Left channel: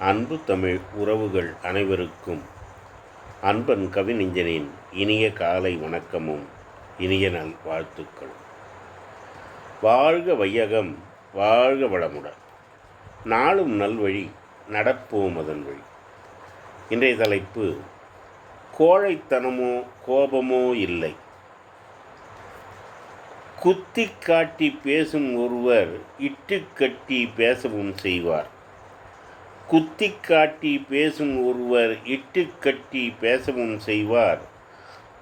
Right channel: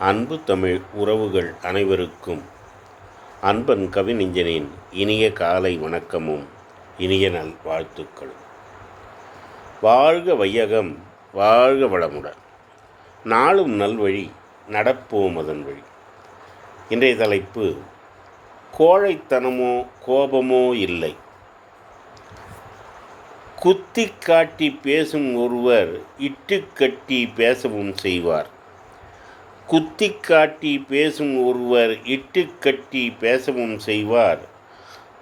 அன்பு தமிழ் உறவுகள் அனைவருக்கும் அன்பன் கவிஞனின் இனிய காலை வணக்கமும் இனிய நல் வாழ்த்துக்கள் வாழ்க வையகம் வாழ்க வளமுடன். நாளும் நல்வழி நடப்போம் அதன் வழி. இன்றைய தலைப்பு கோழைத்தனமோ கோபமோ இல்லை. குத்தி காட்டி பேசும் ஒருவர் இட்டுக்கட்டி பேசவும் செய்வார். குத்தி காட்டி பேசும் ஒருவர் இட்டு கட்டி பேசவும் செய்வார்.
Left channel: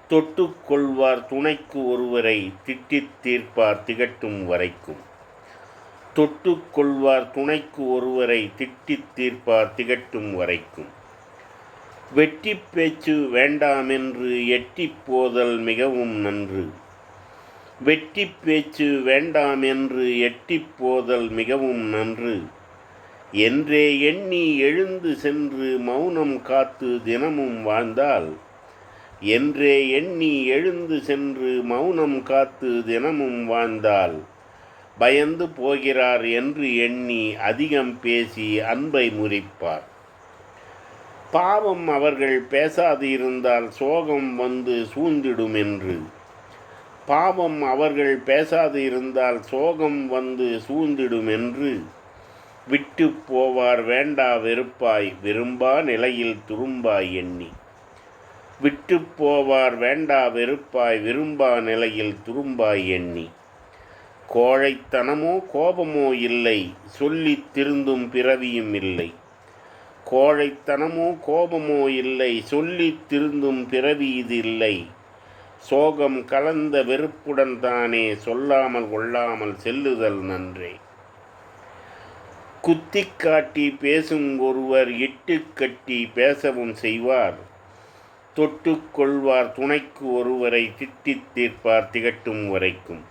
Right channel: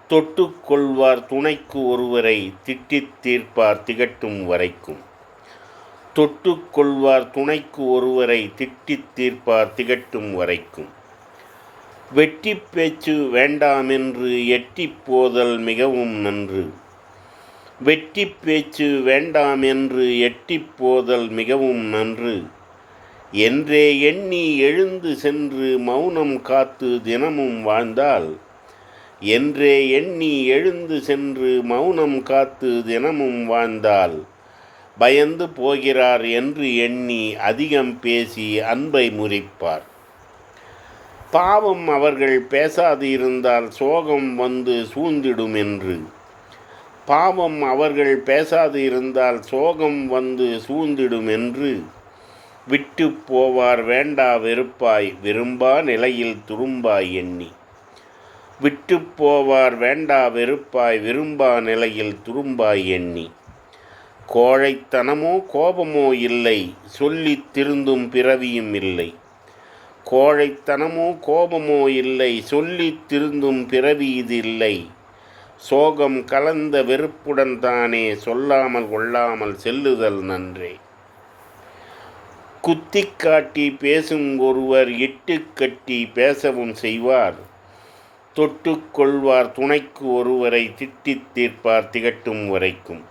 தொட்டுக்கொள்வார் துணைக்கு ஒருவரை திட்டித் தீர்ப்பார் திகட்டும் வரைக்கும். தொட்டுக்கொள்வார் துணைக்கு ஒருவரை திட்டித் தீர்ப்பார் திகட்டும் வரைக்கும். வெட்டி பேச்சு வேண்டாமென்று எட்டி போதல் மிகவும் நன்று. வெட்டி பேச்சு வேண்டாமென்று எட்டி போதல் மிகவும் நன்று. என்றே எண்ணி எழுந்து சென்று மௌனம் காத்து தினமும் வாழ்ந்தால் என்றே எண்ணி எழுந்து சென்று மௌனம் காத்து தினமும் வாழ்ந்தால் பயந்து போகிறார் என்று எண்ணி அதிகம் பேசி அன்பை முறிப்பார். பாவம் அவர்கள் பேசாது இருந்தால் சோகம் வந்து சூழ்ந்திடும் என்று. பாவம் அவர்கள் பேசாது இருந்தால் சோகம் வந்து சூழ்ந்திடும் என்று. விட்டு போவார் வேண்டா வெறுப்பாய் விரும்பா நிலையில் துரும்பாய் எண்ணி. விட்டு போவார் வேண்டா வெறுப்பாய் விரும்பா நிலையில் துரும்பாய் எண்ணி. கோழைத்தனமோ கோபமோ இல்லை சொல்லி திருந்தும் பிறவியும் இல்லை. கோழைத்தனமோ கோபமோ இல்லை சொல்லி திருந்தும் பிறவி இது இல்லை. சோகம் கலந்த வெறுப்புடன் தானே சொல்லாமல் கொள்ளாமல் செல்லுதல் நன்றே. குத்தி காட்டி பேசும் ஒருவர் இட்டு கட்டி பேசவும் செய்வார். தொட்டு கொள்வார் துணைக்கு ஒருவரை திட்டித் தீர்ப்பார் திகட்டும் வரைக்கும்.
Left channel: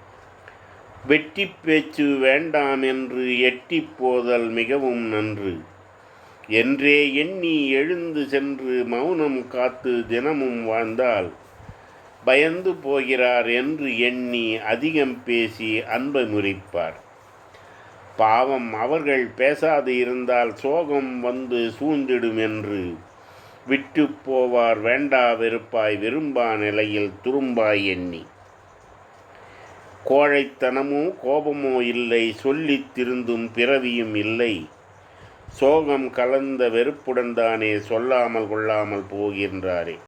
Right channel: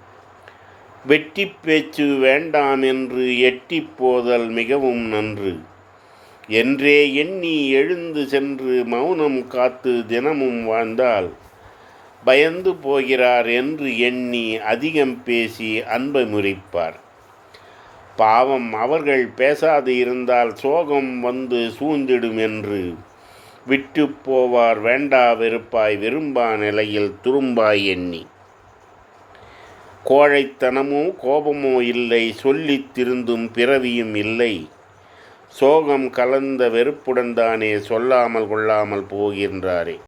வெட்டி பேச்சு வேண்டாம் என்று எட்டி போதல் மிகவும் நன்று. என்றே எண்ணி எழுந்து சென்று மௌனம் காத்து தினமும் வாழ்ந்தால் பயந்து போகிறார் என்று எண்ணி அதிகம் பேசி அன்பை முறிப்பார். பாவம் அவர்கள் பேசாது இருந்தால் சோகம் வந்து சூழ்ந்திடும் என்று. விட்டு போவார் வேண்டா வெறுப்பாய் விரும்பா நிலையில் துரும்பாய் எண்ணி. கோழைத்தனமோ கோபமோ இல்லை சொல்லித் திருந்தும் பிறவியும் இல்லை. சோகம் கலந்த வெறுப்புடன் தானே சொல்லாமல் கொள்ளாமல் போகின்றாரே.